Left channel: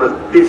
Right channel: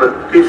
32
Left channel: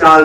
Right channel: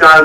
4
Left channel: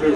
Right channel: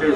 6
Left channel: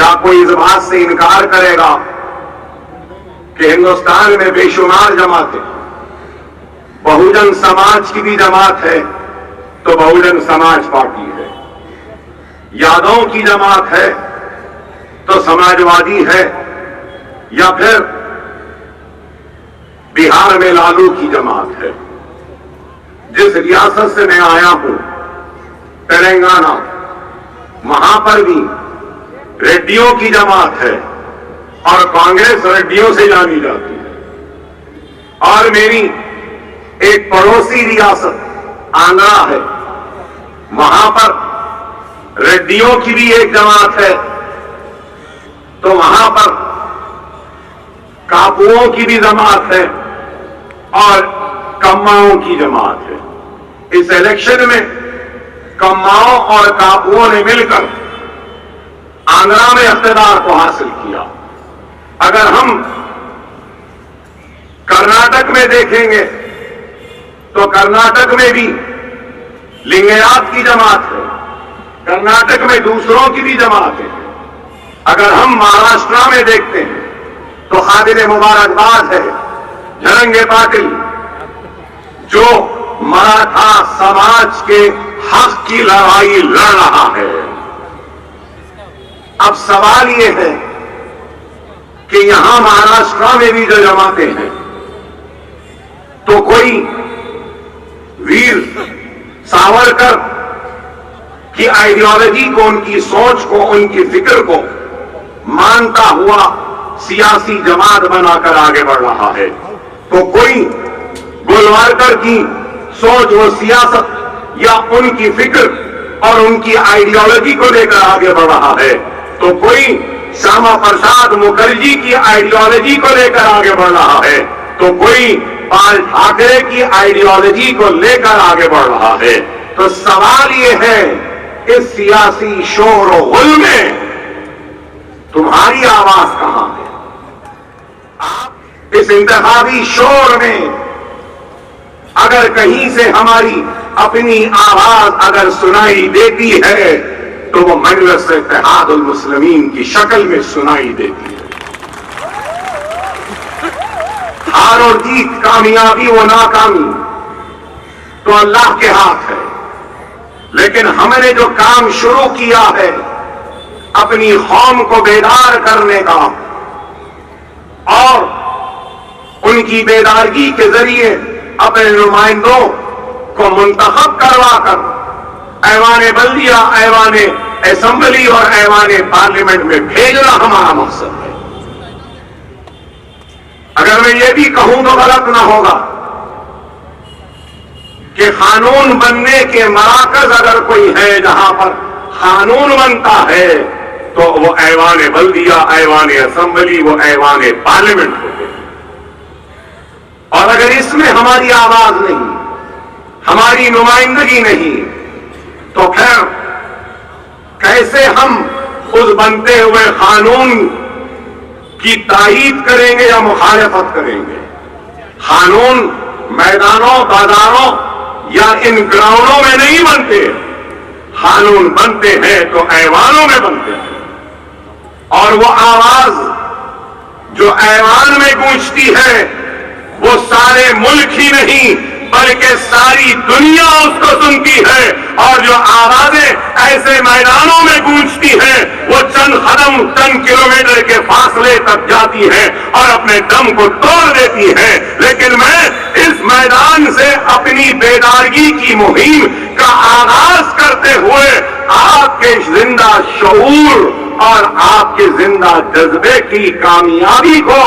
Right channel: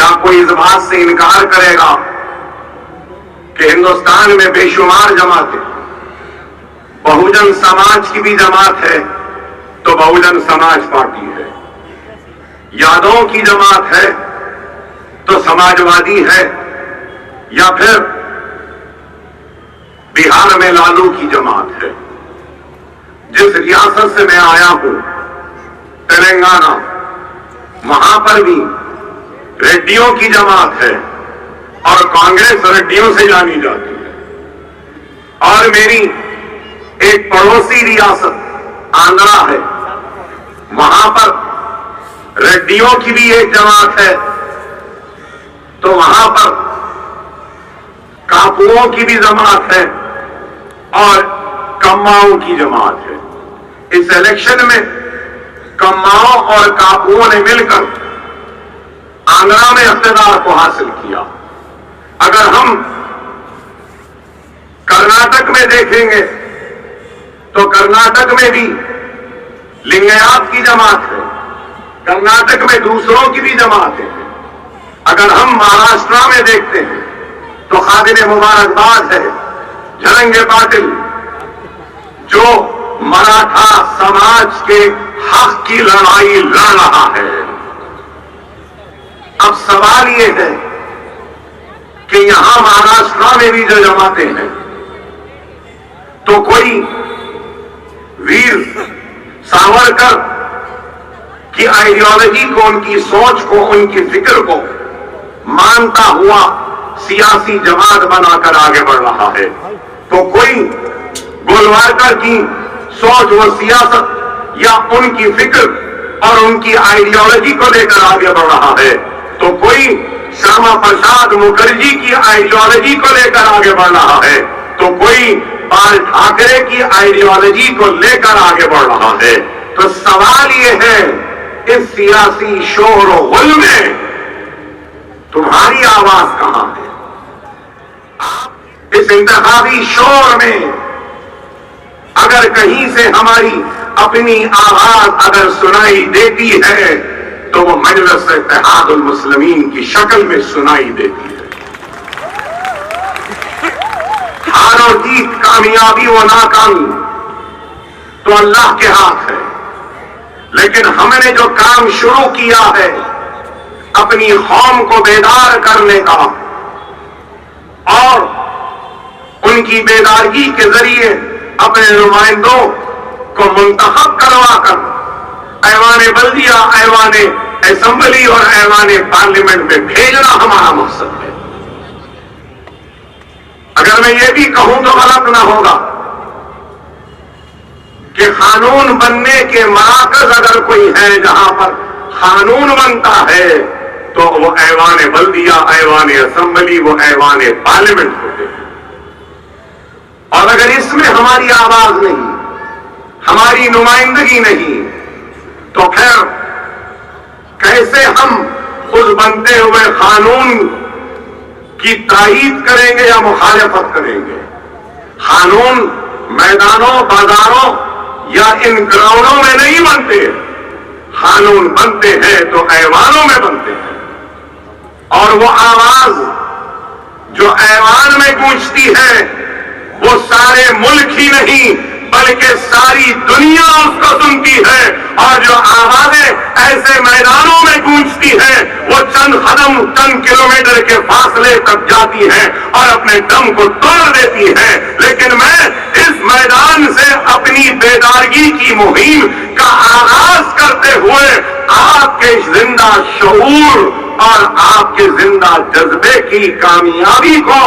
کیا کوئی اس بات سے انکار کرے گا کہ ہندوستان میں بے شمار جماعتیں، بہوجن سماج کی بھی جماعت ہے تو بہوجن سماج پارٹی ہے، یادوں کی جماعت ہے تو سماجوادی ہے، یا پھر بہار میں لالو کی جماعت ہے؟ جس ریاست سے میں آیا ہوں تلنگانہ، وہاں پر بھی ریڈیوں کی جماعت ہے اور کانگریس ریڈیوں سے جانی جاتی ہے۔ اور میری ایک پڑوسی ریاست آندھرا ہے، وہاں پر ریڈیوں کی بھی ایک جماعت ہے، تو وہاں پر کاپوؤں کی بھی جماعت ہے اور کماؤں کی جماعت ہے۔ اس الیکشن میں کماؤں اور کاپوؤں نے مل کر آندھرا میں اقتدار کو حاصل کیا۔ اگر ہم کرناٹک میں دیکھیں گے تو کرناٹک میں بھی لنگیات کی جماعت ہے، کرناٹک میں دوسروں کی بھی جماعت ہے۔ اگر ہم مہاراشٹرا میں دیکھتے ہیں تو قابل مبارکباد ہے جھلنگے پاٹل، جو مراٹھا سماج کے حق کی لڑائی لڑ رہا ہے۔ اب سوال یہ ہے کہ یہاں مہاراشٹرا میں بھی جو جماعتیں ہیں، تو کوئی ویر ساورکر کی آئیڈیالوجی کو، ان کی سوچ کو، ان کی فکر کو مانتا ہوا سیاسی جماعت بنا کر آگے بڑھ رہا ہے، تو کوئی گولوارکر کی سوچ و سیاست یا ان کی فکر اور ان کی آئیڈیالوجی کو لے کر آگے بڑھ رہا ہے، تو کوئی شیاما پرساد مکھرجی کی آئیڈیالوجی کو لے کر آگے بڑھ رہا ہے، تو کوئی بال ٹھاکرے کی آئیڈیالوجی کو لے کر آگے بڑھ رہا ہے۔ تو سوال یہ ہے، اس سیاسی شور و غل میں تمہاری آواز کہاں ہے؟ اس انتخابی شور میں اگر کہیں سے ہماری اپنی آواز اگر سنائی دیتی ہے تو وہ مجلس اتحاد المسلمین کی شکل میں سنائی دیتی ہے۔ ہار اور جیت، کامیابی و ناکامی تو اللہ کے ہاتھ ہے، لیکن ہم نے جو کام شروع کیا ہے اپنی قوم کو بیدار کرنے کا، اور ان کی بیدارگی کے ذریعے اپنے نمائندوں کو منتخب کروا کر ایوان بلدیہ، ایوان اسمبلی اور ایوان پارلیمنٹ میں بھیجنا ہمارا مقصد ہے۔ اگر میں یہ بھی کہوں تو غلط نہ ہوگا کہ قانون بننے کے مراکز اگر کوئی ہے جہاں پر قانون بنتا ہے تو وہ ایوان بلدیہ، ایوان اسمبلی، وہ ایوان پارلیمنٹ ہوتے ہیں۔ اور اگر اس میں ہماری آواز نہیں، ہماری نمائندگی نہیں، تو پھر کیسے ہم اس بنتے ہوئے قانون کی تائید کریں گے یا مخالفت کریں گے؟ قانون میدانوں، بازاروں یا ان گراؤنڈوں میں نہیں بنتے، قانون بنتے ہیں تو ایوانوں میں بنتے ہیں۔ اور وہ آواز جو ایوان میں گونجتی ہے وہ سارے ملک ہی نہیں بلکہ ساری دنیا اس کو سنتی ہے، اور جو آوازیں ایسے میدانوں میں گونجتی ہیں وہ چند قدم، چند کلومیٹر کے فاصلے تک جاتی ہیں اور اپنے دم کو توڑ دیتی ہیں۔ لیکن میں اس میدان سے اپنی بیدارگی کی مہم کا آغاز کرتے ہوئے آپ کے زندہ شعور اور آپ کے زندہ جذبے کی کامیابی کو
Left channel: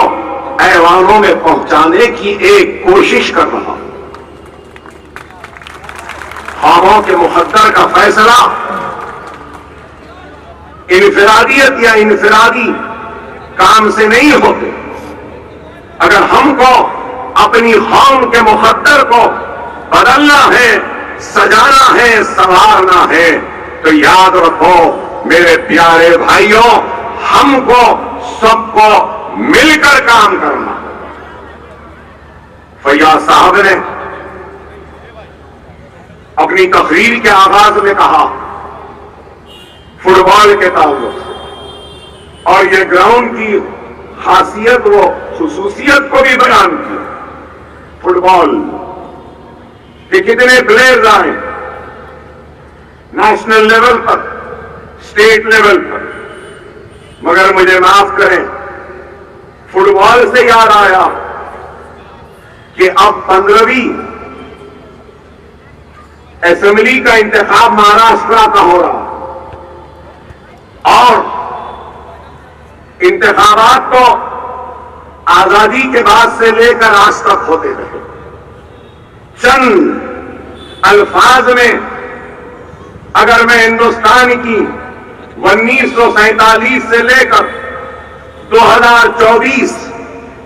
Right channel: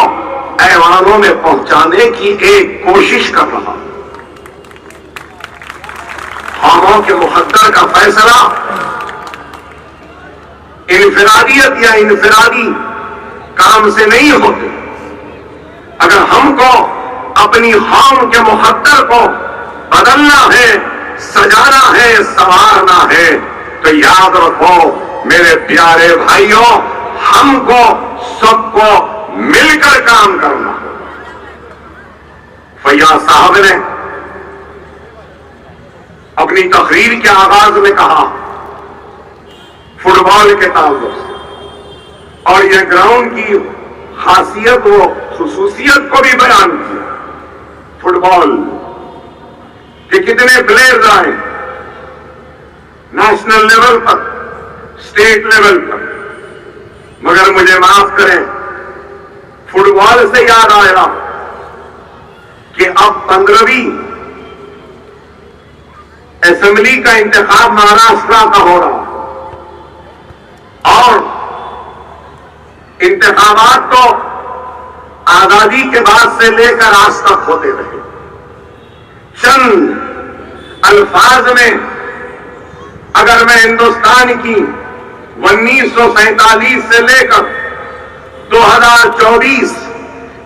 ایوانوں میں پہنچانے کی ایک کوشش کر رہا ہوں۔ قوموں کے مقدر کا فیصلہ انفرادیت یا انفرادی کام سے نہیں ہوتے۔ اگر ہم کو اپنی قوم کے مقدر کو بدلنا ہے، سجانا ہے، سنوارنا ہے، تو یاد رکھو میرے پیارے بھائیوں، ہم کو سب کو مل کر کام کرنا۔ فیاض صاحب نے اپنی تقریر کے آغاز میں کہا فٹ بال کے تعلق سے اور یہ گراؤنڈ کی خاصیت و خصوصیت کو بھی بیان کی. فٹ بال کہ کتنے پلیئرز آئے نیشنل لیول پر، اسٹیٹ لیول پر، مگر مجھے معاف کریں، فٹ بال سے یاد آیا کہ اب 15ویں اسمبلی کا انتخاب مہاراشٹر کا ہو رہا، اور انتخابات تو آزادی کے بعد سے لے کر آج تک ہوتے رہے. چند الفاظ میں اگر میں ہندوستان کی 1947 سے لے کر 2024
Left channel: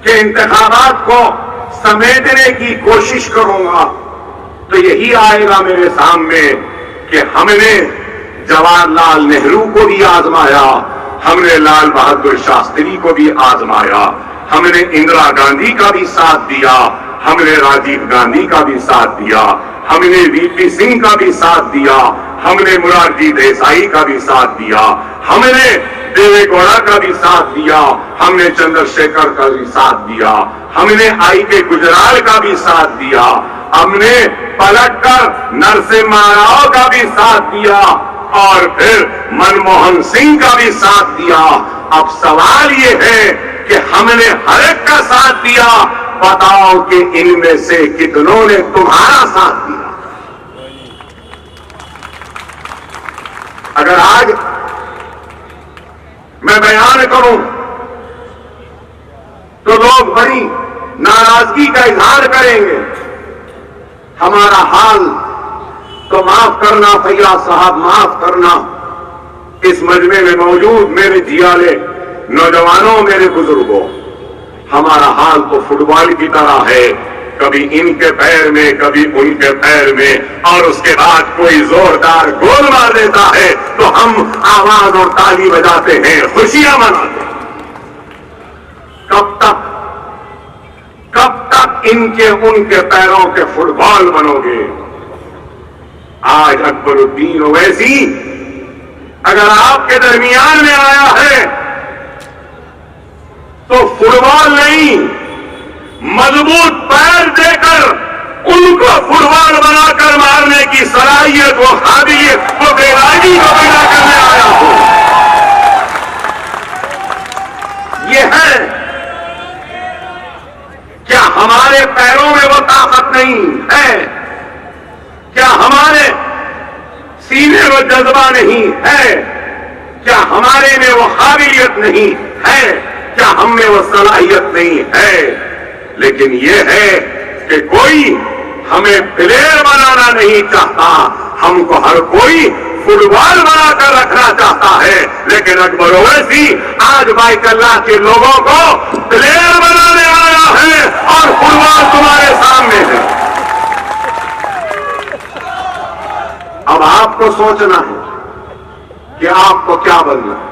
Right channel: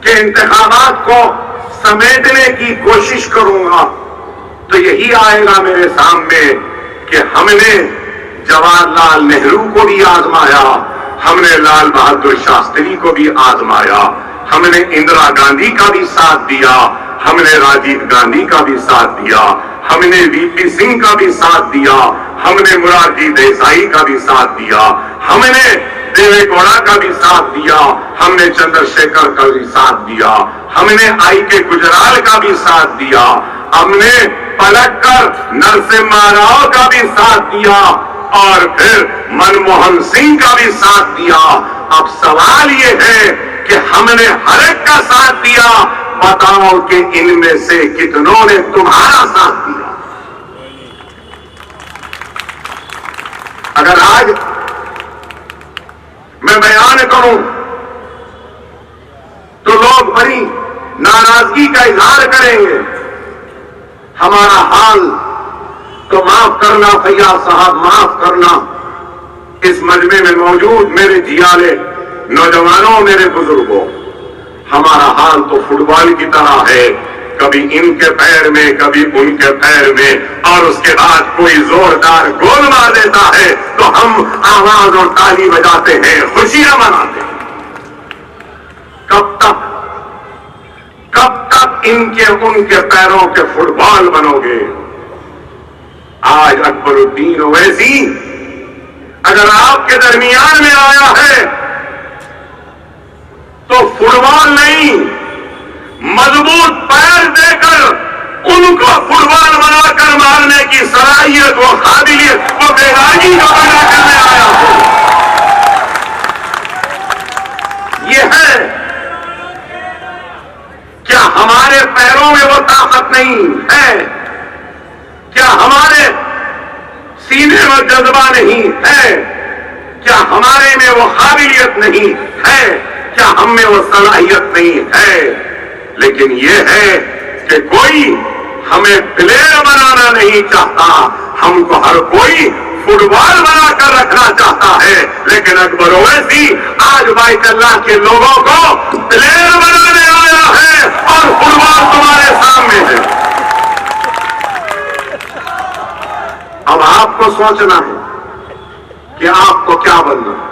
کے انتخابات کو سمیٹنے کی کوشش کروں گا تو یہی آئے گا میرے سامنے کہ ہم نے جواہر لال نہرو کو بھی آزمایا، ہم نے لال بہادر شاستری کو بھی آزمایا، ہم نے اندرا گاندھی کا بھی ساتھ دیا، ہم نے راجیو گاندھی کا بھی ساتھ دیا، ہم نے وی پی سنگھ کا بھی ساتھ دیا، ہم نے مرارجی دیسائی کا بھی ساتھ دیا، ہم نے دیوے گوڑا کا بھی ساتھ دیا، ہم نے چندر شیکھر کا بھی ساتھ دیا، ہم نے آئی کے گجرال کا بھی ساتھ دیا، ہم نے پلٹ کر نرسمہا راؤ کا بھی ساتھ دیا، اور پھر منموہن سنگھ کا بھی ساتھ دیا. اب سوال یہ ہے کہ ہم نے ہر ایک کا ساتھ دیا، بتاؤ کہ ان میں سے کتنوں نے تمہارا ساتھ دیا؟ اگر آج میں بیان کروں تو لوگ بڑی ناراضگی کا اظہار کریں گے. ہمارا حال تو معاف کرنا فیاض صاحب، معاف کرنا، اس مجمع میں موجود میرے جیالے نوجوانوں، میرے بزرگوں، ہمارا حال تو فٹ بال کی طرح ہے، کبھی ان کے پیر میں کبھی ان کے پیر میں، اور اس کے بعد کوئی زوردار گول مار دیتا ہے تو ہم آواز اور تالی بجاتے ہیں، خوشیاں مناتے ہیں. کب تک ان کے پیروں کے فٹ بال بنو گے؟ آج اکبر الدین اویسی اگر آپ کے درمیان میں آیا ہے تو فٹ بال نہیں، مضبوط پیر دے کر ان کو فٹ بال بنا کر مارنے کی صلاحیت و قابلیت و بیداری کا پیدا کرنے آیا ہوں. یہ ہے، کیا ہمارے پیروں میں وہ طاقت نہیں ہے؟ کیا ہمارے سینے میں جذبہ نہیں ہے؟ کیا ہمارے میں وہ قابلیت نہیں ہے؟ کیا ہم میں وہ صلاحیت نہیں ہے؟ لیکن یہ ہے کہ کوئی ہمیں پلیئر بنانا نہیں چاہتا، ہم کو ہر کوئی فٹ بال بنا کر رکھنا چاہتا ہے. لیکن اکبر اویسی آج بیت اللہ کے لوگوں کو پلیئر بنانے آیا ہے اور فٹ بال تمہارے سامنے ہے. اب آپ کو سوچنا ہے کہ آپ کو کیا بننا ہے.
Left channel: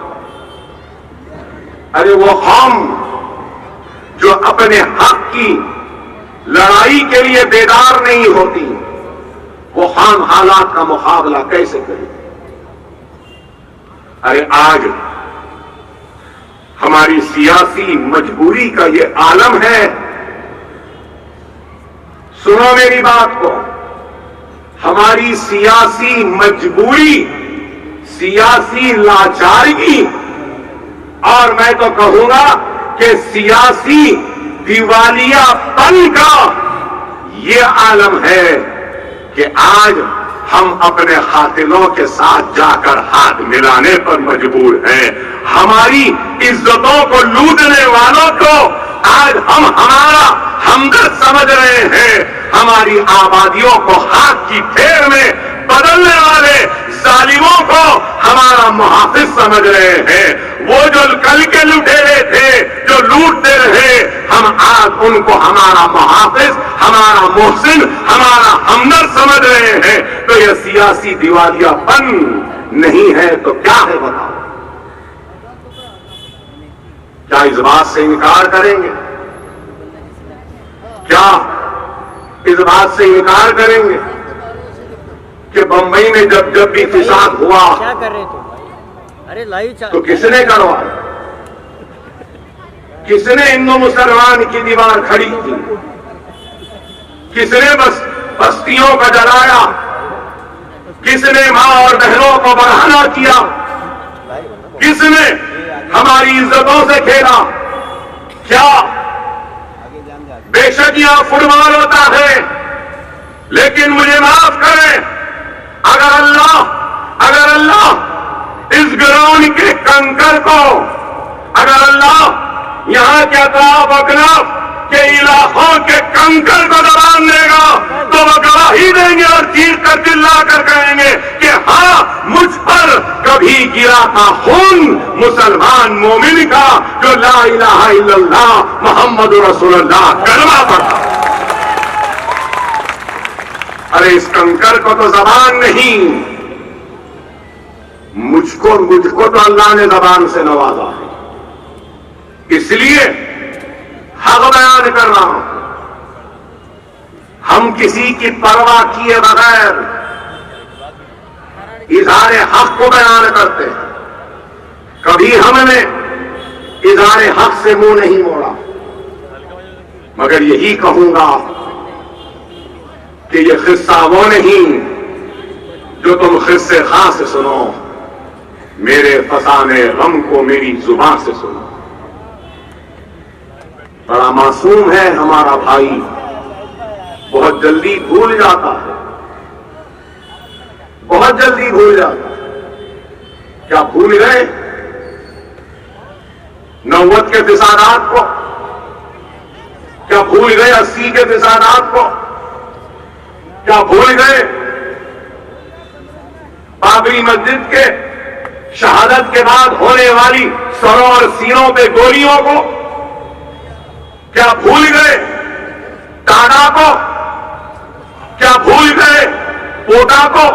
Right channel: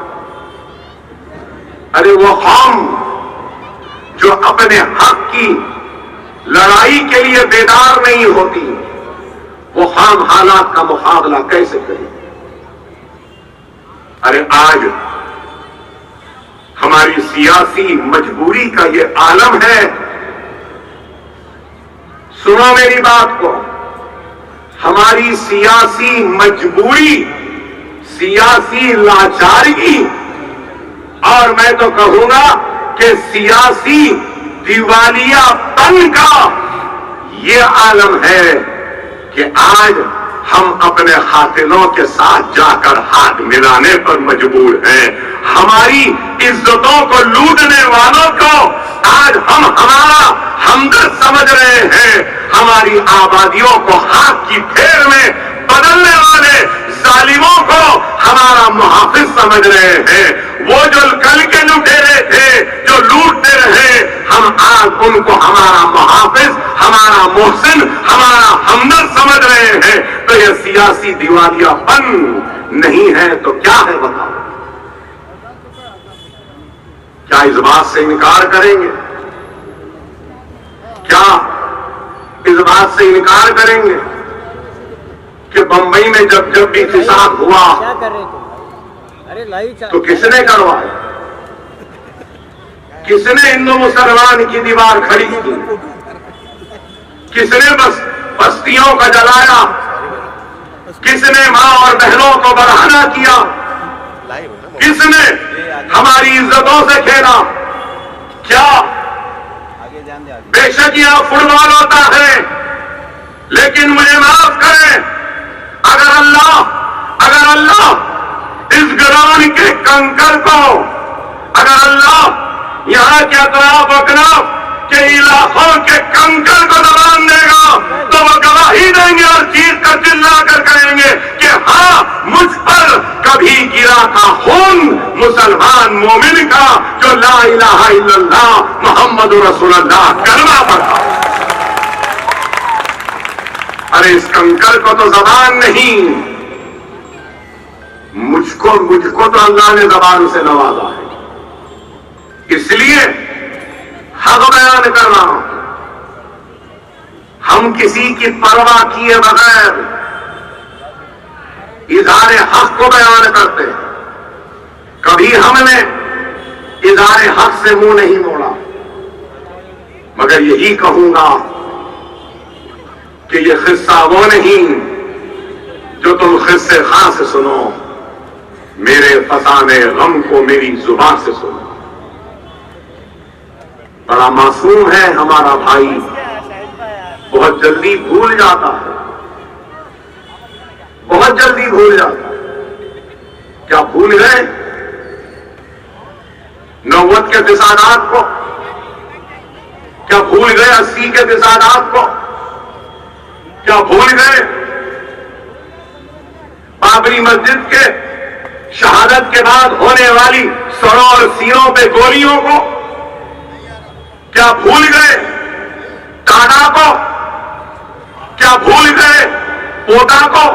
ارے وہ قوم جو اپنے حق کی لڑائی کے لیے بیدار نہیں ہوتی، وہ خام حالات کا مقابلہ کیسے کرے؟ ارے آج ہماری سیاسی مجبوری کا یہ عالم ہے. سنو میری بات کو، ہماری سیاسی مجبوری، سیاسی لاچارگی، اور میں تو کہوں گا کہ سیاسی دیوالیہ پن کا یہ عالم ہے کہ آج ہم اپنے قاتلوں کے ساتھ جا کر ہاتھ ملانے پر مجبور ہیں. ہماری عزتوں کو لوٹنے والوں کو آج ہم ہمارا ہمدرد سمجھ رہے ہیں، ہماری آبادیوں کو ہاتھ کی پھیر میں بدلنے والے ظالموں کو ہمارا محافظ سمجھ رہے ہیں. وہ جو کل کے لٹیرے تھے جو لوٹتے رہے، ہم آج ان کو ہمارا محافظ، ہمارا محسن، ہمارا ہمدرد سمجھ رہے ہیں. تو یہ سیاسی دیوالیہ پن نہیں ہے تو کیا ہے بتاؤ؟ کیا اس بات سے انکار کریں گے؟ کیا اس بات سے انکار کریں گے کہ بمبئی میں جب بھی فساد ہوا کیا کر رہے تھے؟ ارے تو کس نے کروایا؟ کس نے ہندو مسلمان کی دیوار کھڑی کی؟ کس نے بستیوں کا جلایا؟ کس نے ماں اور بہنوں کو برہنہ کیا؟ کس نے ہماری عزتوں سے کھیلا؟ کیا بے شک یہاں فٹ بال ہوتا ہے، لیکن مجھے معاف کریں، اگر اللہ اس گراؤنڈ کے کنکر کو، اگر اللہ یہاں کے اطراف اکناف کے علاقوں کے کنکر کو دبان دے گا تو وہ گواہی دیں گے اور چیخ کر چلا کر کہیں گے کہ ہاں مجھ پر کبھی گرا تھا خون مسلمان مومن کا جو لا الہ الا اللہ محمد رسول اللہ کلمہ پڑھا۔ ارے اس کنکر کو تو زبان نہیں، مجھ کو تو اللہ نے زبان سے نوازا ہے، اس لیے حق بیان کر رہا ہوں۔ ہم کسی کی پرواہ کیے بغیر اظہار حق کو بیان کرتے ہیں، کبھی ہم نے اظہار حق سے منہ نہیں موڑا، مگر یہی کہوں گا کہ یہ قصہ وہ نہیں جو تم قصے خاص سے سنو، میرے فسانے غم کو میری زبان سے سنو۔ بڑا معصوم ہے ہمارا بھائی، بہت جلدی بھول جاتا ہے، بہت جلدی بھول جاتا ہے۔ کیا بھول گئے 90 کے فسادات کو؟ کیا بھول گئے 80 کے فسادات کو؟ کیا بھول گئے بابری مسجد کے شہادت کے بعد ہونے والی سروں اور سینوں پہ گولیوں کو؟ کیا بھول گئے ٹاڈا کو؟ کیا بھول گئے کوٹا کو؟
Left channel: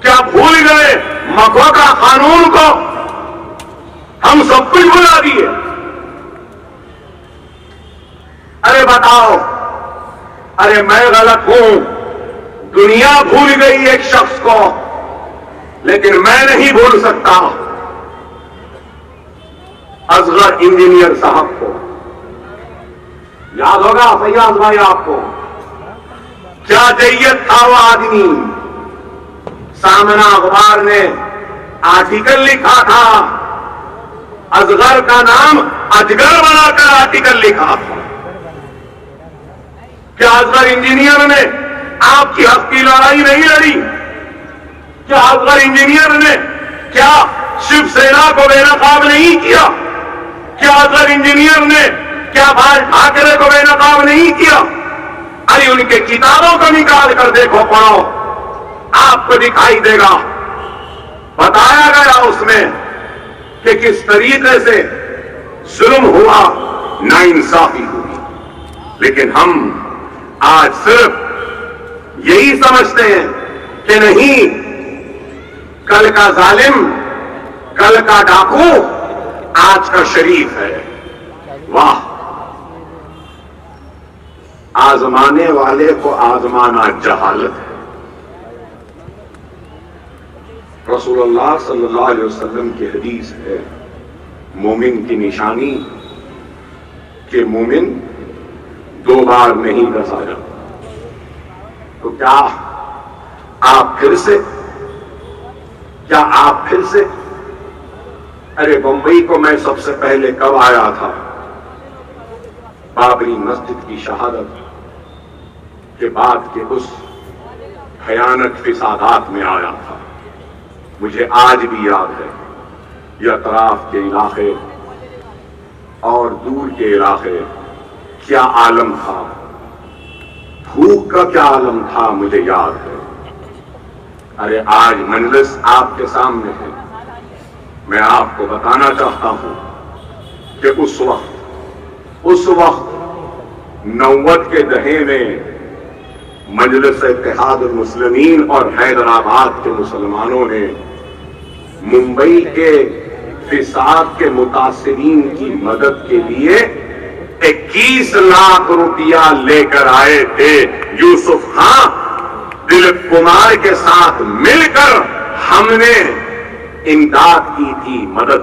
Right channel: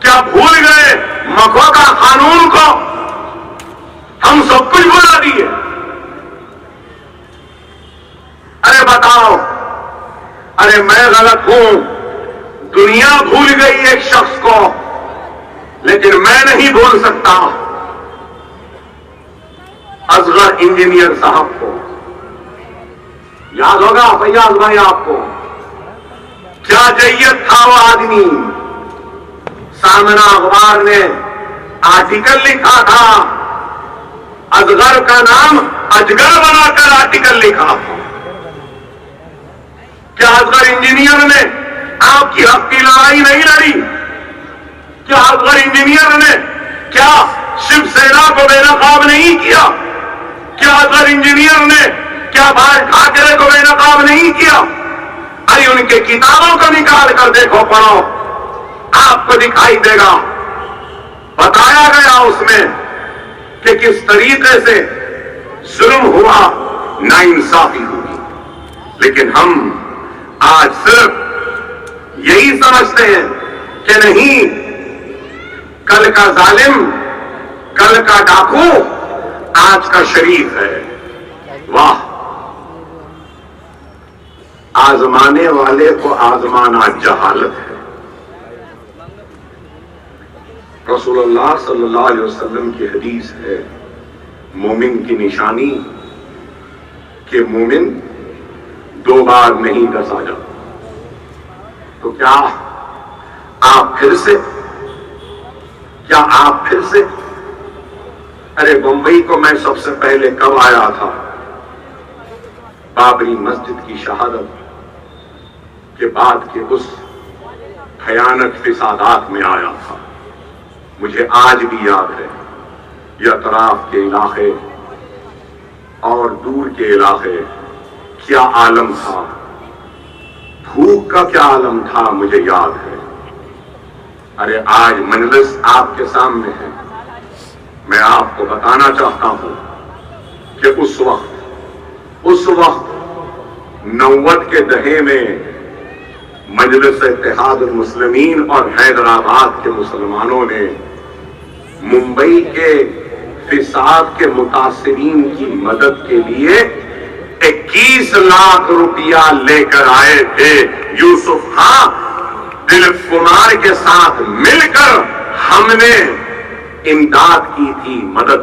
کیا بھول گئے مکوکا قانون کو؟ ہم سب کچھ بھلا دیے۔ ارے بتاؤ، ارے میں غلط ہوں، دنیا بھول گئی ایک شخص کو، لیکن میں نہیں بھول سکتا اصغر انجینئر صاحب کو۔ یاد ہوگا فیاض بھائی آپ کو، کیا جیت تھا وہ آدمی۔ سامنا اخبار نے آرٹیکل لکھا تھا، اصغر کا نام اجگر بنا کر آرٹیکل لکھا تھا۔ کیا اصغر انجینئر نے آپ کی حق کی لڑائی نہیں لڑی؟ کیا اصغر انجینئر نے کیا شیو سینا کو بے نقاب نہیں کیا؟ کیا اصغر انجینئر نے کیا بھائی ٹھاکرے کو بے نقاب نہیں کیا؟ ارے ان کے کتابوں کو نکال کر دیکھو، پڑھو، آپ کو دکھائی دے گا۔ بتایا گیا اس میں کہ کس طریقے سے ظلم ہوا، ناانصافی ہوئی، لیکن ہم آج صرف یہی سمجھتے ہیں کہ نہیں، کل کا ظالم، کل کا ڈاکو آج کا شریف ہے۔ واہ، آزمانے والے کو آزمانا جہالت ہے۔ رسول اللہ صلی اللہ علیہ وسلم کی حدیث ہے، مومن کی نشانی کہ مومن 2 بار نہیں ڈسا جاتا۔ تو کیا آپ پھر سے ارے بمبئی کو میں سب سے پہلے کب آیا تھا؟ بابری مسجد کی شہادت کے بعد کے اس بھیانک فسادات میں آیا تھا۔ مجھے آج بھی یاد ہے، یہ اطراف کے علاقے اور دور کے علاقے کیا عالم تھا، بھوک کا کیا عالم تھا، مجھے یاد ہے۔ ارے آج مجلس آپ کے سامنے ہے، میں آپ کو بتانا چاہتا ہوں کہ اس وقت 90 کے دہے میں مجلس اتحاد المسلمین اور حیدرآباد کے مسلمانوں نے ممبئی کے فساد کے متاثرین کی مدد کے لیے 21 لاکھ روپیہ لے کر آئے تھے۔ یوسف خان دلیپ کمار کے ساتھ مل کر ہم نے امداد کی تھی، مدد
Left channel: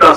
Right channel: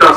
10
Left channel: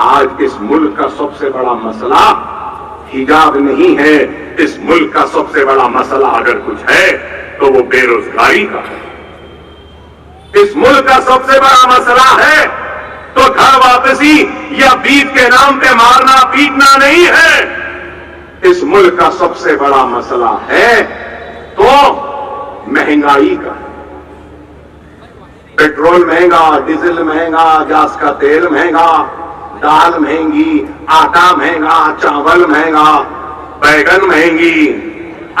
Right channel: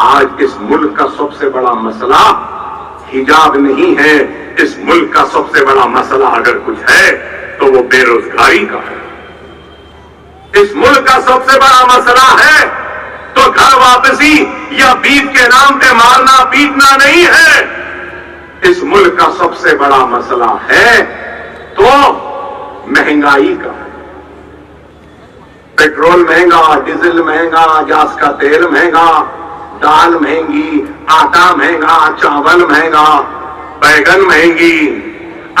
آج اس ملک کا سب سے بڑا مسئلہ حجاب نہیں ہے. اس ملک کا سب سے بڑا مسئلہ اگر کچھ ہے تو وہ بے روزگاری کا ہے. اس ملک کا سب سے بڑا مسئلہ ہے تو گھر واپسی یا بیت کے نام پہ مارنا پیٹنا نہیں ہے. اس ملک کا سب سے بڑا مسئلہ ہے تو مہنگائی کا ہے. پیٹرول مہنگا, ڈیزل مہنگا, گیس کا تیل مہنگا, دال مہنگی, آٹا مہنگا, چاول مہنگا, بیگن مہنگی,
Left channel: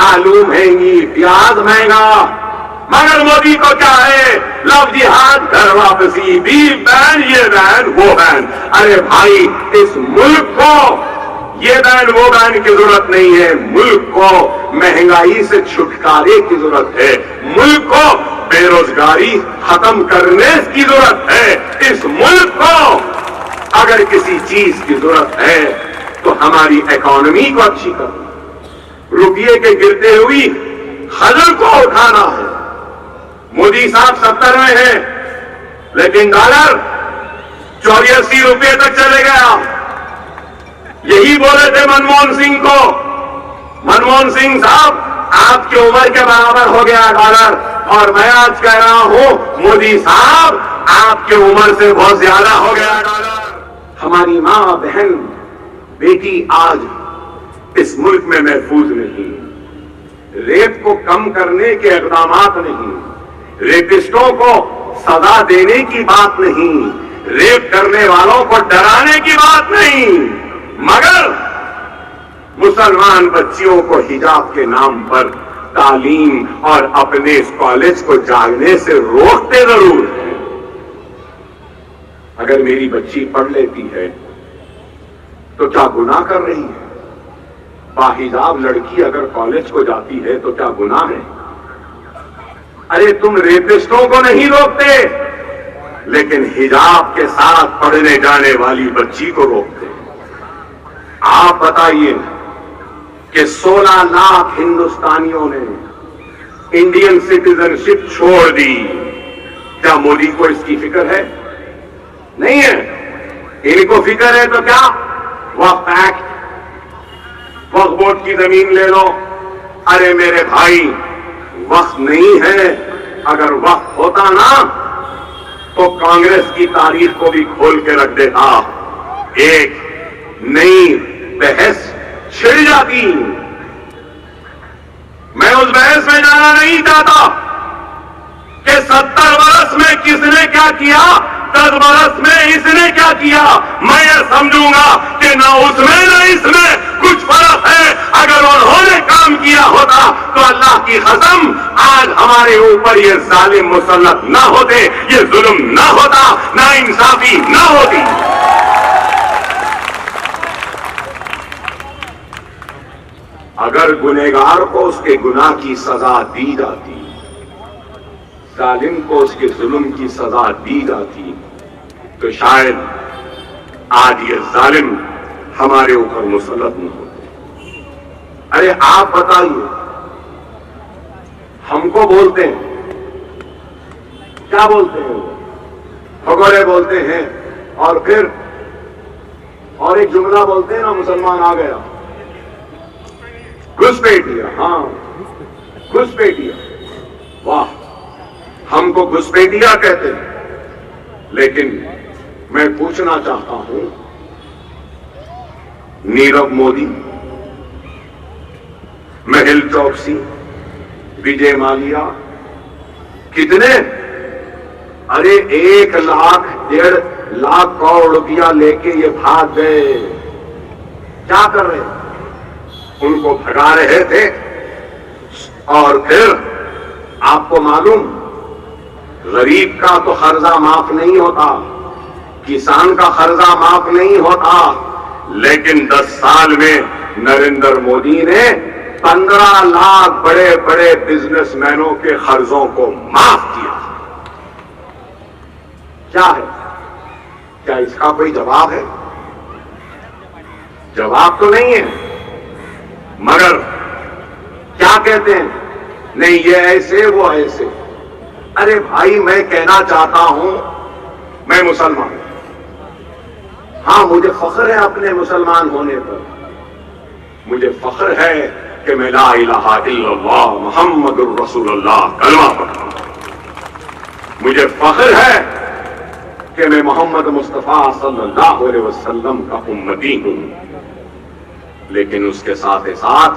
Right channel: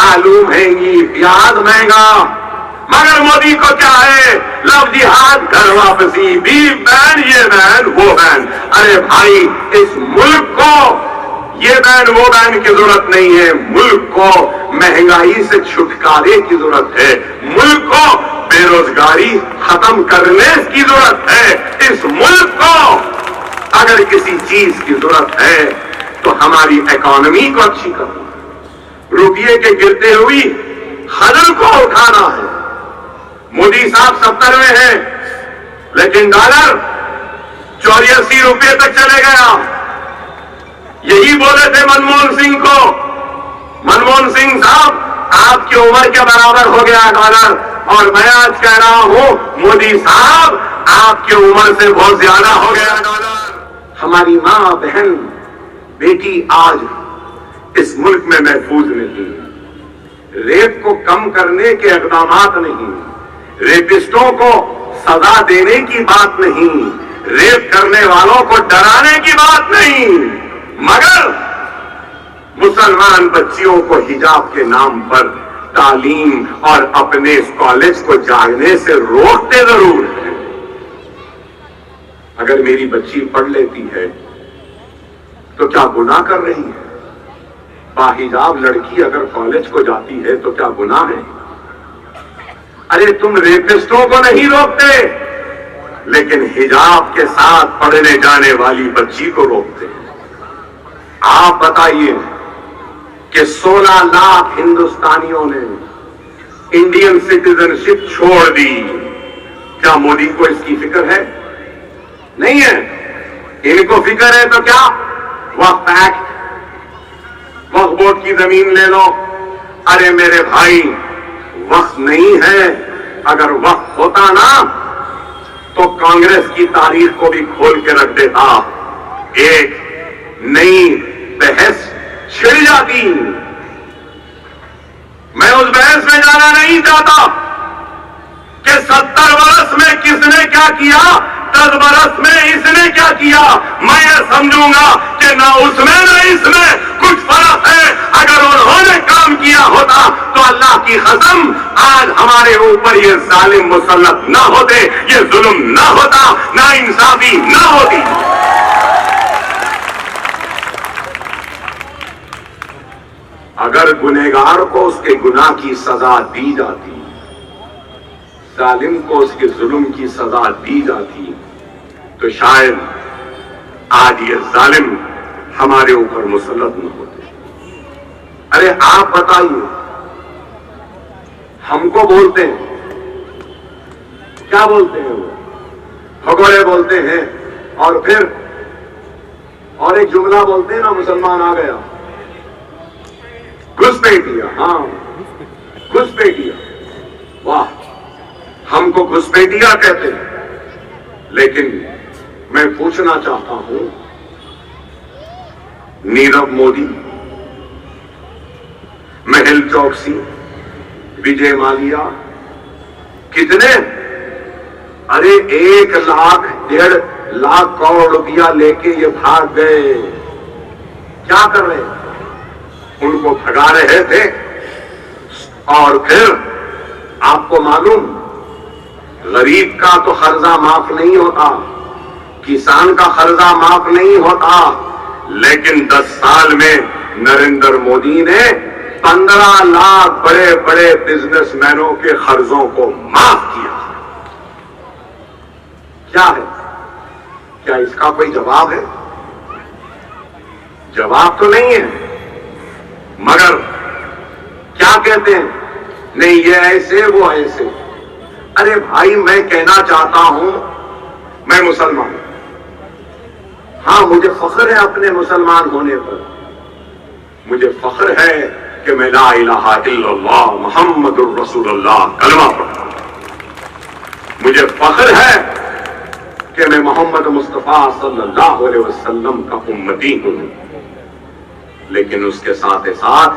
آلو مہنگی, پیاز مہنگا. مگر مودی کو کیا ہے؟ لو جہاد, گھر واپسی, بیل بین, یہ بین وہ بین. ارے بھائی, اس ملک کو یہ بین وہ بین کی ضرورت نہیں ہے. ملک کو مہنگائی سے چھٹکارے کی ضرورت ہے. ملک کو بے روزگاری ختم کرنے کی ضرورت ہے. اس ملک کو اگر کسی چیز کی ضرورت ہے تو ہماری اکانومی کو اچھی کرنا, روپیے کے گرتے ہوئی خزل کو اٹھانا ہے. مودی صاحب 70 میں ہیں لیکن ڈالر 84 روپے تک چلے گیا. یہی بولے تھے منموہن سنگھ کو, منموہن سنگھ صاحب آپ کی عمر کے برابر ہو گیا ڈالر, اور میں آج کہہ رہا ہوں مودی صاحب آپ کی عمر سے بہت زیادہ ہو گیا ڈالر. ہماری ماں, بہن, بیٹی آج اس ملک میں محفوظ نہیں. ریپ کو کم کرنے کے اقدامات نہیں, ریپسٹوں کو سزا دینے کی بات نہیں, ریپ کرنے والوں کو ڈرانے کی بات نہیں, مگر مسلمان بچیوں کو حجاب کے نام پر تعلیم اور اپنے اس کالج کو جانے سے روکتے ضرور ہیں. اگر میری بچی پڑھ لیتی ہے تو کیا گناہ کر رہی ہے؟ باحجاب لڑکی اگر کالج کو جاتی ہے تو کیا گناہ ہے؟ ارے تم ریپسٹوں کو نہیں روکتے لیکن حجاب کے ساتھ پڑھنے جانے والی بچی کو روکتے. آپ بتائیے کہ 16 لاکھ ہندوستانیوں نے انڈین سٹیزن شپ چھوڑ دی. کیا مودی کو اس کی فکر ہے؟ نہیں ہے. ان کو فکر ہے تو کیا وقف ایکٹ, وقف بورڈ کی زمین لے لو. ارے میرے بھائی, وقف نہیں ہے. اگر وقف ہوتا نا تو کانگریس کی تاریخ کو بھی کھول کے رکھ دیتا, ایک نئی بحث چھڑ جاتی. میں اس بحث میں جانا نہیں چاہتا کہ 70 برس میں کس نے کیا کیا, 10 برس میں اس نے کیا کیا. میں یہ سمجھوں گا کہ نہ اس میں نہ اس میں کچھ فرق ہے. اگر انہوں نے کام کیا ہوتا تو اللہ کی قسم آج ہمارے اوپر یہ ظالم مسلط نہ ہوتے, یہ ظلم نہ ہوتا, نا انصافی نہ ہوتی. اگر گنہگار کو اس کے گناہ کی سزا دی جاتی, ظالم کو اس کے ظلم کی سزا دی جاتی, تو شاید آج یہ ظالم ہمارے اوپر مسلط نہ ہوتے. ارے آپ بتائیے, ہم کو بولتے ہیں, کیا بولتے ہیں وہ, بھگوڑے بولتے ہیں, اور پھر اور ایک جملہ بولتے ہیں نا, مسلمان آ گیا, گھسپیٹیا. ہاں گھسپیٹیا, واہ, ہم کو گھسپیٹیا کہتے ہیں. لیکن میں پوچھنا چاہتا ہوں, نیرو مودی, مہل چوکسی, وجے مالیا, کتنے, ارے 1 لاکھ 1.5 لاکھ کروڑ روپیہ لے کے یہ بھاگ گئے. کیا کر رہے ہیں؟ ان کو بھگا رہے تھے. اور پھر آپ کو معلوم, غریب کا تو قرضہ معاف نہیں ہوتا, کسان کا قرضہ معاف نہیں ہوتا, لیکن 10 سال میں نریندر مودی نے 15 لاکھ بڑے بڑے بزنس مینوں کے قرضوں کو معاف کیا. کیا ہے؟ کیا اس کا کوئی جواب ہے؟ جواب تو نہیں ہے. مگر کیا کہتے ہیں, نہیں یہ ایسے وہ ایسے. ارے بھائی, میں کہنا چاہتا ہوں, میں مسلمان, ہاں مجھے فخر ہے اپنے مسلمان ہونے پر، مجھے فخر ہے کہ میں لا الہ الا اللہ محمد الرسول اللہ کلمہ پڑھتا ہوں، مجھے فخر ہے کہ میں محمد مصطفیٰ صلی اللہ علیہ وسلم کا امتی ہوں، لیکن اس کے ساتھ ساتھ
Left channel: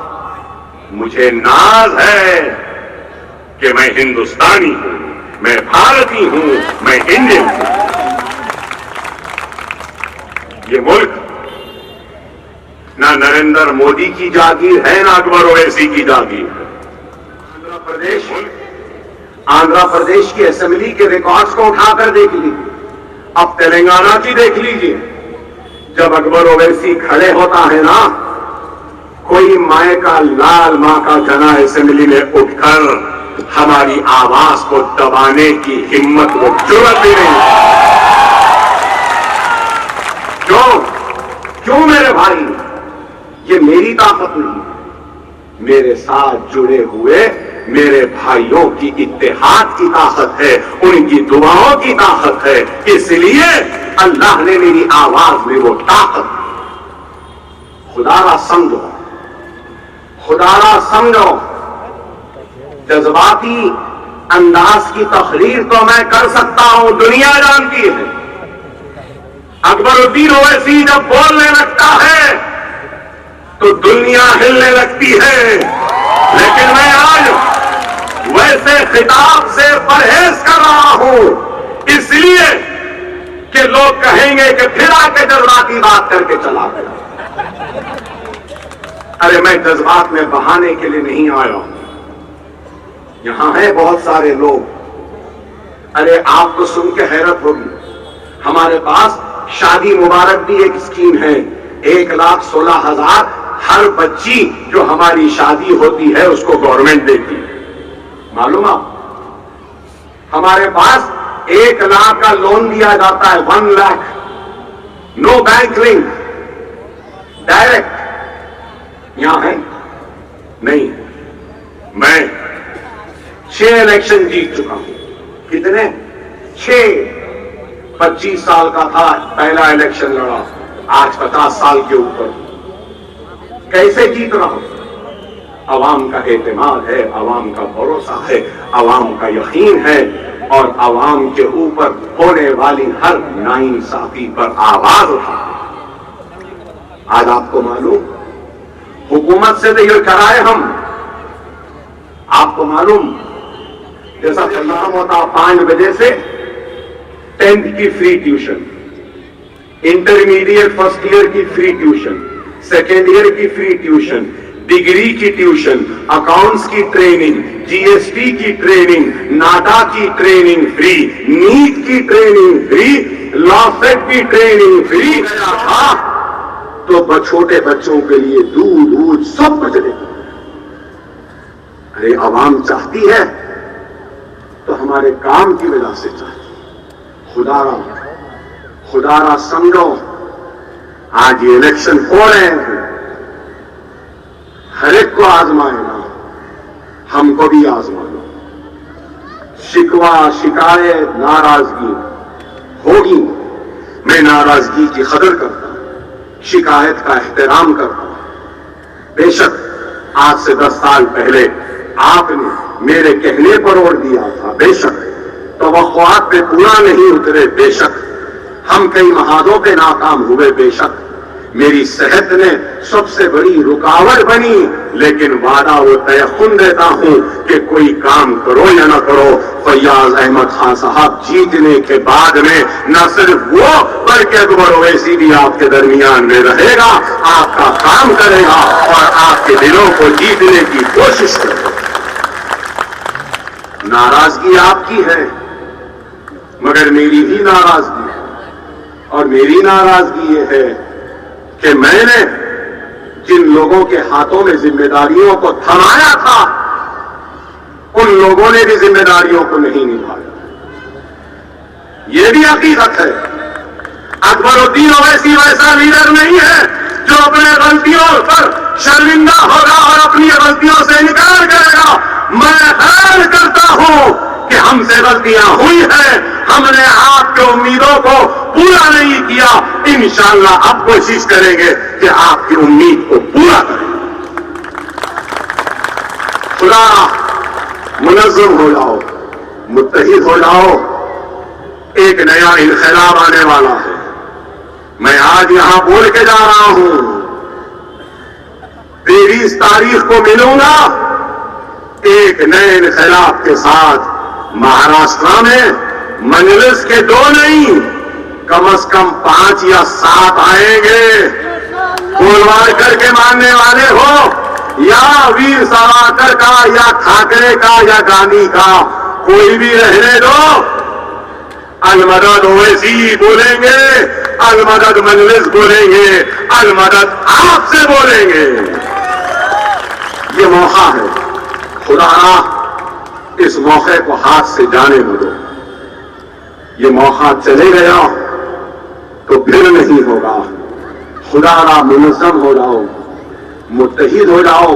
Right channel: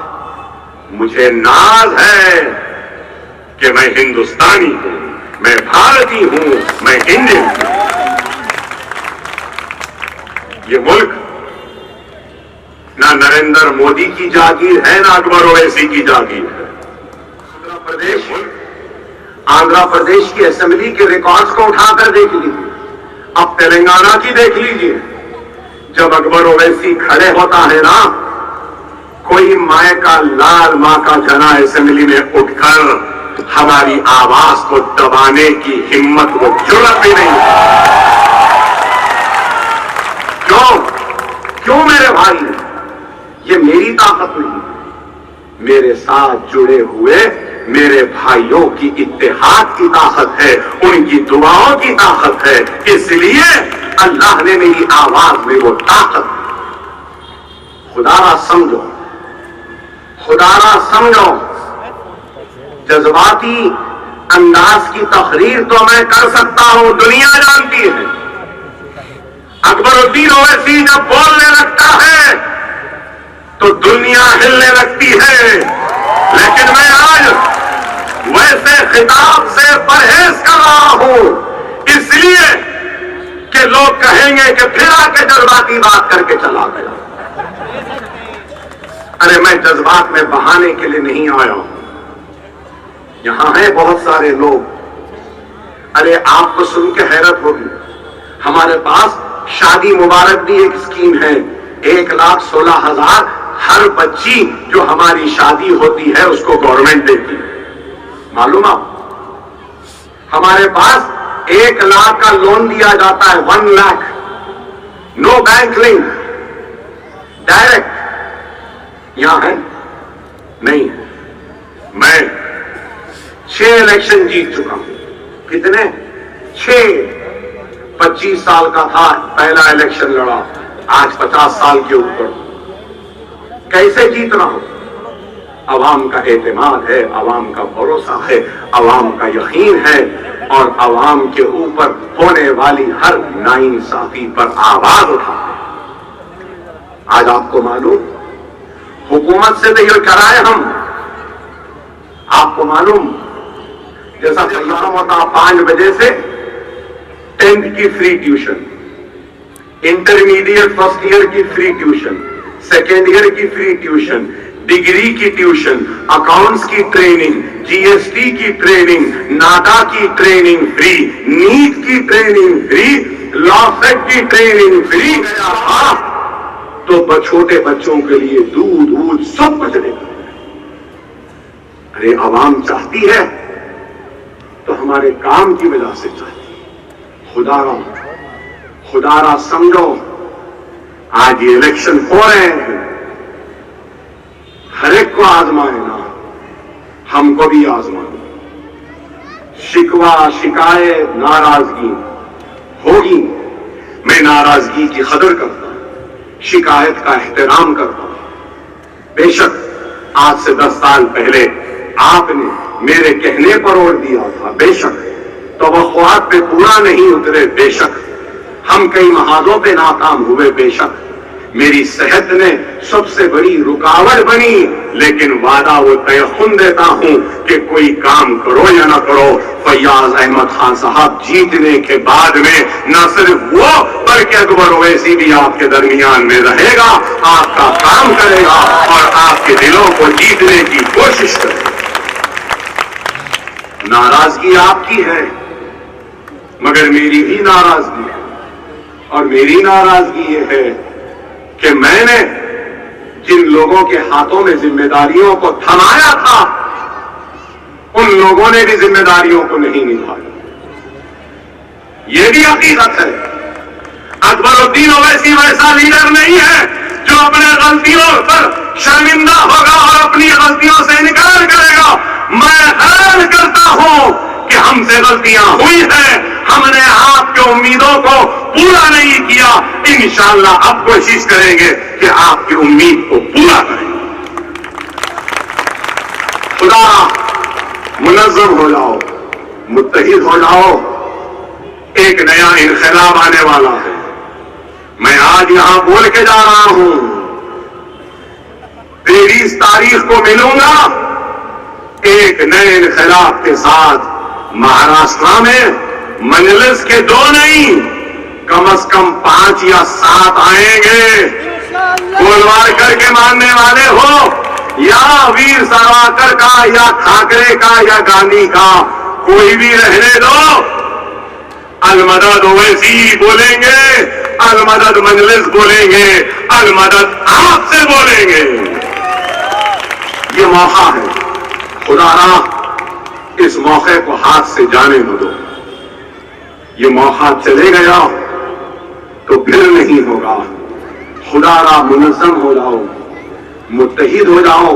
مجھے ناز ہے کہ میں ہندوستانی ہوں، میں بھارتی ہوں، میں انڈین ہوں۔ یہ ملک نہ نریندر مودی کی جاگیر ہے، نہ اکبر اویسی کی جاگیر ہے۔ آندھرا پردیش کی اسمبلی کے ریکارڈز کو اٹھا کر دیکھ لیجیے، اب تلنگانہ کی دیکھ لیجیے، جب اکبر اویسی کھڑے ہوتا ہے نا، کوئی مائیں کا لال ماں کا جنا اسمبلی میں اٹھ کر ہماری آواز کو دبانے کی ہمت کو جرأت بھی نہیں۔ کیوں میرے بھائی؟ یہ میری طاقت نہیں، میرے ساتھ جڑے ہوئے میرے بھائیوں کی اتحاد کی طاقت ہے، ان کی دعاؤں کی طاقت ہے، اس لیے اللہ نے میری آواز میں وہ طاقت دی۔ خدا را سمجھو، خدا را سمجھو، جذباتی انداز کی تقریر تو میں کر سکتا ہوں، دنیا جانتی ہے۔ اکبر الدین اویسی جب بولنے لگتا ہے تو دنیا ہلنے لگتی ہے، لیکن میں آج ویسے خطاب سے پرہیز کر رہا ہوں، اس لیے کہ لوگ کہیں گے کہ پھر آ کے جذباتی بات کر کے چلا گیا۔ ارے میں جذبات میں بہانے کے لیے نہیں آیا ہوں، یہاں ہیں بہت سارے لوگ۔ ارے آپ کو سن کے حیرت ہوگی، ہمارے پاس شادی مبارک بھی ایک اسکیم ہے، 1,16,000 ہر بچی جو ہماری شادی ہوتی ہے اس کو گورنمنٹ دیتی ہے، معلوم آپ؟ ہمارے پاس 1 لاکھ کا لون دیا جاتا ہے، 1 lakh, no bank link, direct. یہاں ہے نہیں، میں 6 الیکشن جیت چکا ہوں۔ کتنے؟ 6۔ 25 سال کا تھا پہلا الیکشن لڑا، آج 50 سال کے اوپر۔ کیسے جیت رہا ہوں؟ عوام کا اعتماد ہے، عوام کا بھروسہ ہے، عوام کا یقین ہے، اور عوام کے اوپر ہونے والی ہر ناانصافی پر آواز اٹھا۔ آج آپ کو معلوم، حکومت سے تو یہ کرائے ہم، آپ کو معلوم جیسا پروگرام ہوتا 5 بجے سے 10th کی free tuition, intermediate first year کی فری ٹیوشن، سیکنڈ ایئر کی فری ٹیوشن، ڈگری کی ٹیوشن، اکاؤنٹس کی ٹریننگ، جی ایس ٹی کی ٹریننگ، ناڈا کی ٹریننگ فری، نیٹ کی ٹریننگ فری، لا سیٹ کی ٹریننگ فری تھا، تو چھوٹے بچوں کے لیے دودھ سب بچنے۔ ارے عوام چاہتی ہے تو ہمارے کام کی وجہ سے چاہتی ہے۔ خدا را سمجھو، آج یہ الیکشن ہو رہے ہیں، ہر ایک کو آزمائے نا، ہم کو بھی آزمائے۔ شکوہ، شکایت، ناراضگی ہوگی، میں ناراضگی کی قدر کرتا ہوں، شکایت کا احترام کرتا ہوں۔ بے شک آج سے 10 سال پہلے آپ نے میرے کہنے پر ووٹ دیا تھا، بے شک توقعات پہ پورا نہیں اترے، بے شک ہم کئی محاذوں پہ ناکام ہوئے، بے شک میری صحت نے سب سے بڑی رکاوٹ بنی، لیکن وعدہ وہ تیقن دیتا ہوں کہ کوئی کام کرو یا نہ کرو، فیاض احمد خان صاحب جیتنے کے بعد میں نہ صرف وہ بلکہ اکبر اویسی بھی آپ کے درمیان میں رہے گا، آپ کا کام کرے گا اور آپ کے دلوں کو جیتنے کی کوشش کرے گا۔ ناراضگی آپ کی ہے، مگر میری بھی ناراضگی ہے، اور میری ناراضگی یہ ہے کہ میں نے جن لوگوں کے ہاتھوں میں ذمہ داریوں کو تھمایا تھا، ان لوگوں نے بھی ذمہ داریوں کو نہیں نبھایا۔ یہ بھی حقیقت ہے، اکبر الدین اویسی ویسا لیڈر نہیں ہے جو اپنے غلطیوں پر شرمندہ ہوگا اور اپنی غلطیوں سے انکار کرے گا۔ میں حیران کرتا ہوں کہ ہم سے غلطیاں ہوئی ہیں، ہم نے آپ کے امیدوں کو پورا نہیں کیا، انشاءاللہ اب کوشش کریں گے کہ آپ کی امید کو پورا کریں۔ خدا منظم ہو جاؤ، متحد ہو جاؤ، ایک نیا انقلاب آنے والا ہے۔ میں آج یہاں بول کے جا رہا ہوں، 23 تاریخ کو ملوں گا ایک نئے انقلاب کے ساتھ۔ مہاراشٹر میں مجلس کے 2 نہیں، کم از کم 5 یا 7 آئیں گے۔ گولوارکر کے ماننے والے ہو یا ویر ساورکر کا یا ٹھاکرے کا یا گاندھی کا، کوئی بھی رہنے دو، المدد اویسی بولیں گے، المدد مجلس بولیں گے، المدد آپ سے بولیں گے۔ یہ موقع ہے، خدا اس موقع کو ہاتھ سے جانے نہ دو۔ یہ موقع چلے گیا تو پھر نہیں ہوگا۔ خدا را منظم ہو جاؤ، متحد ہو جاؤ،